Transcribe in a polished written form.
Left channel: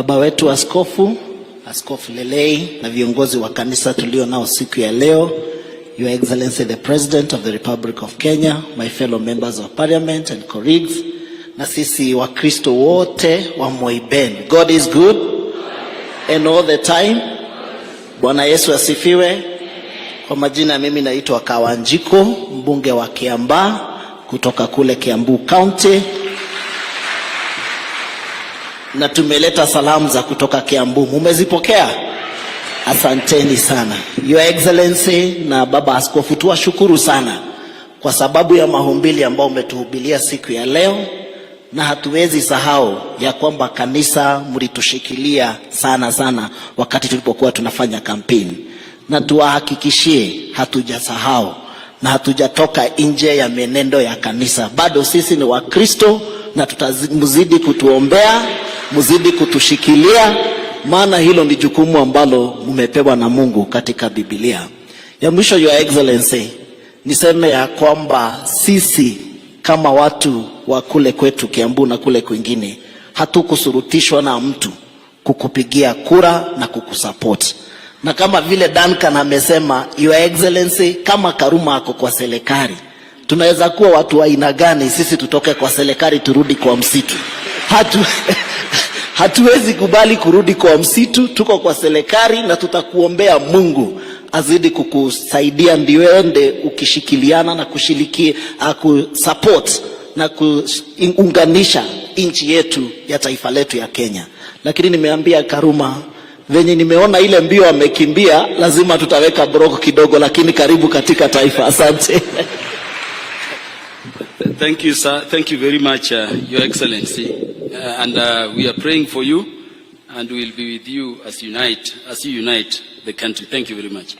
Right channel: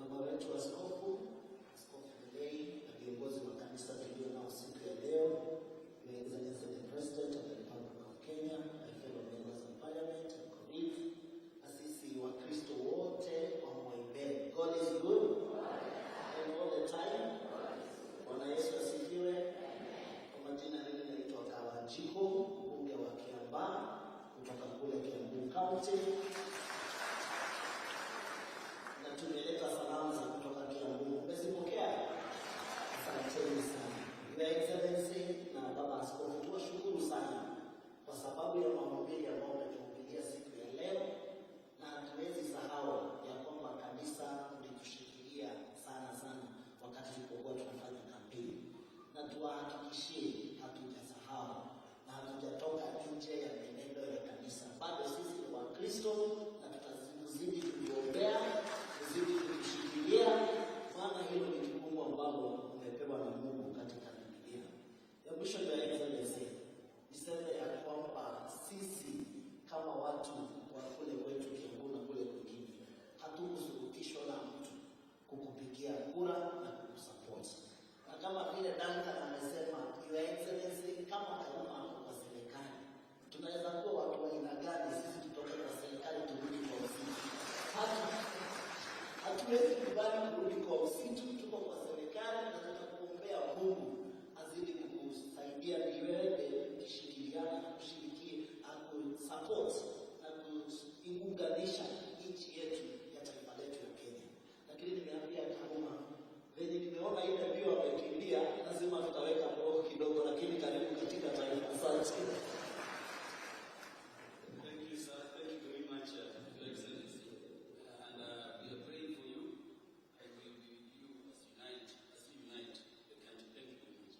Baba wetu Askofu Lelei na viongozi wa kanisa tulio nao siku ya leo, Your Excellency the President of the Republic of Kenya, my fellow members of Parliament and colleagues, na sisi wa Kristo wote wa Moiben. God is good and all the time. Bwana Yesu asifiwe. Kwa majina mimi naitwa Kawanjiku, mbunge wa Kiambaa kutoka kule Kiambu County. Na tumeleta salamu za kutoka Kiambu. Mumezipokea? Asanteni sana. Your Excellency na Baba Askofu, tuwashukuru sana kwa sababu ya mahumbili ambao umetuhubilia siku ya leo, na hatuwezi sahau ya kwamba kanisa mlitushikilia sana wakati tulipokuwa tunafanya kampeni, na tuwahakikishie hatujasahau na hatujatoka nje ya menendo ya kanisa. Bado sisi ni Wakristo na tutamzidi kutuombea, mzidi kutushikilia, maana hilo ni jukumu ambalo mmepewa na Mungu katika Biblia. Ya mwisho, Your Excellency, niseme ya kwamba sisi kama watu wa kule kwetu Kiambu na kule kwingine hatukusurutishwa na mtu kukupigia kura na kukusupport. Na kama vile Duncan amesema, Your Excellency, kama Karuma ako kwa serikali, tunaweza kuwa watu wa aina gani sisi tutoke kwa serikali turudi kwa msitu? Hatuwezi kubali kurudi kwa msitu. Tuko kwa serikali na tutakuombea Mungu azidi kukusaidia ndio ende ukishikiliana na kushiriki kusupport na kuunganisha nchi yetu ya taifa letu ya Kenya. Lakini nimeambia Karuma, venye nimeona ile mbio amekimbia, lazima tutaweka broko kidogo, lakini karibu katika taifa. Asante. Thank you, sir. Thank you very much, Your Excellency. And we are praying for you, and we will be with you as you unite the country. Thank you very much.